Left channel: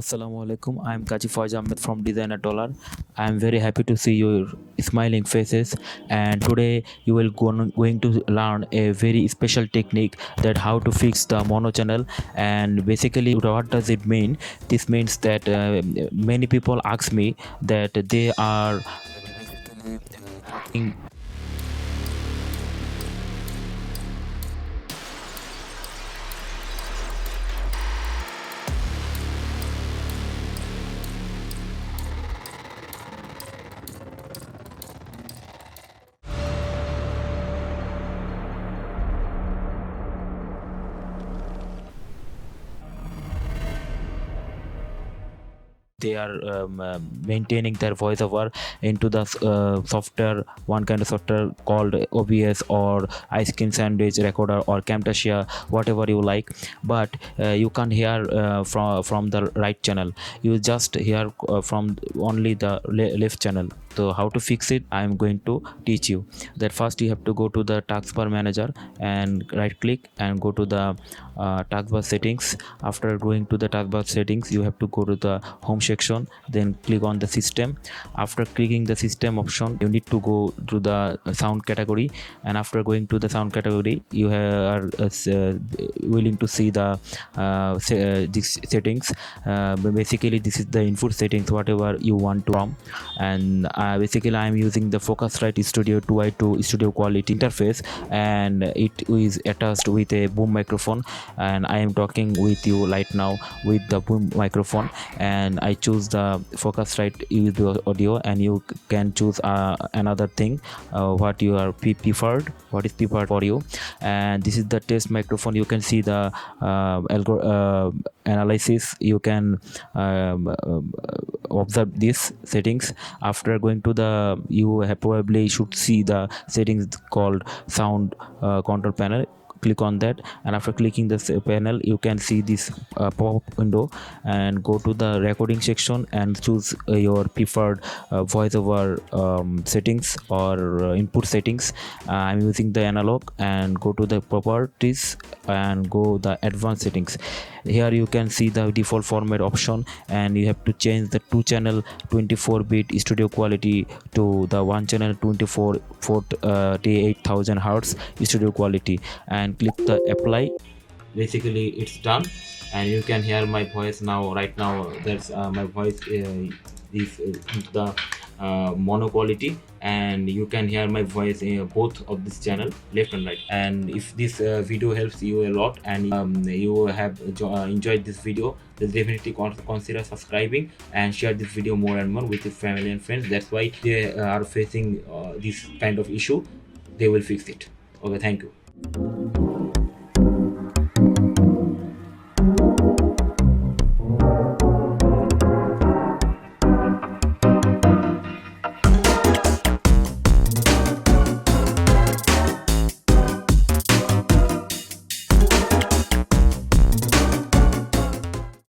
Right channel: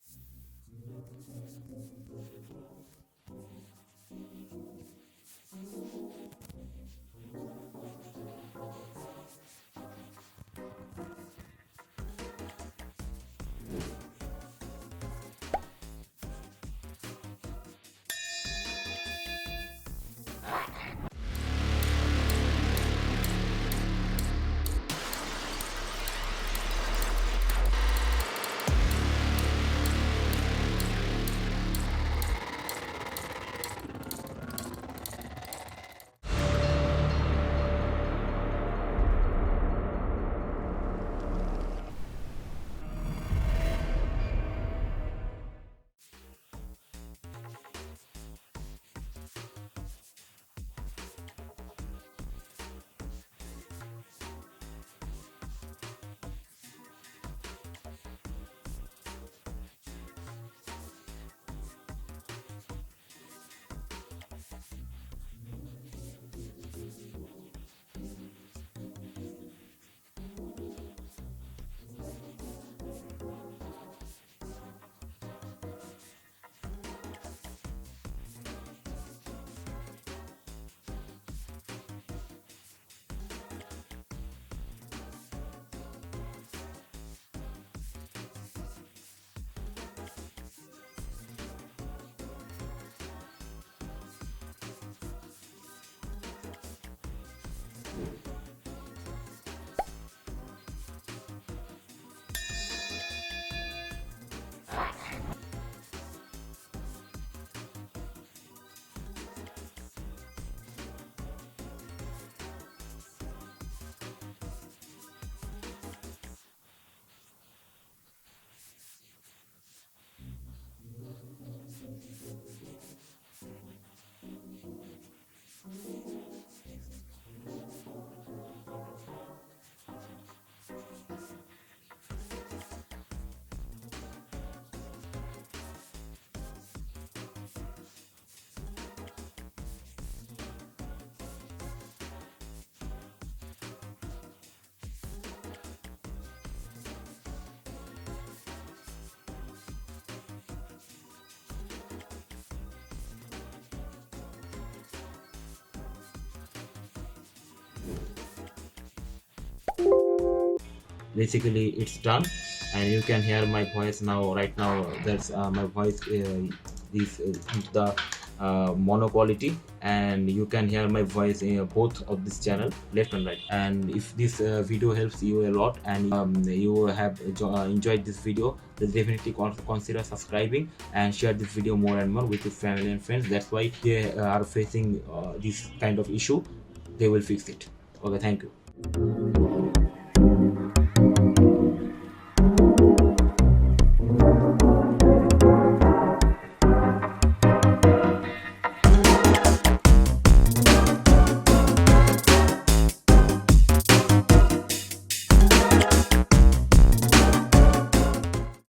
Assalamu alaikum. I'm Kazi Faiz Ahmed from Designer Dollar. I'm very happy to see your smiling faces, and today you will going to learn a very special technique that how to fix the mono channel. And basically, what does it mean? This means that many people ask me that they are they are maintaining their voiceover into the software, one kind of software called OBS or ice cream sandwich recorder or Camtasia, whatever you like. But you can't hear from the right channel, you just hear from only the left channel. So how to fix it, I am going to teach you. That first you have to go to the taskbar manager and right click and go to the taskbar settings. After going to the taskbar settings, you have to go to the home section, then click on the system. After clicking the system option, you need to go to the sound category, and after going to the sound category, you are willing to see the these settings. Basically this is the input settings, whatever you want to from. And basically I am using the Focusrite Studio 2i2 studio quality interface, and it is attached with a boom microphone, and I am talking with you right now with the boom microphone. And I choose the Focusrite audio, and you can choose another thing what you are preferred, what is preferred for you. And this is the test microphone. You can see the analysis. You can observe these settings. After going to the, you have probably should see the settings called sound control panel. Click on that, and after clicking this panel, you can see this pop-up window, and go to the recording section and choose your preferred voiceover settings or input settings. I'm using the analog, and go to the properties and go the advanced settings. Here you can see the default format option, and you have to change the 2 channel 24-bit studio quality to the 1 channel 48,000 hertz studio quality, and click the apply. Basically it's done, and you can hear my voice now. Right now that's my voice is the mono quality, and you can hear my voice in both of this channel, left and right. And if this video helps you a lot, and you have enjoyed this video, then definitely consider subscribing and share this video more and more with your family and friends. That's why they are facing this kind of issue, they will fix it. Okay, thank you.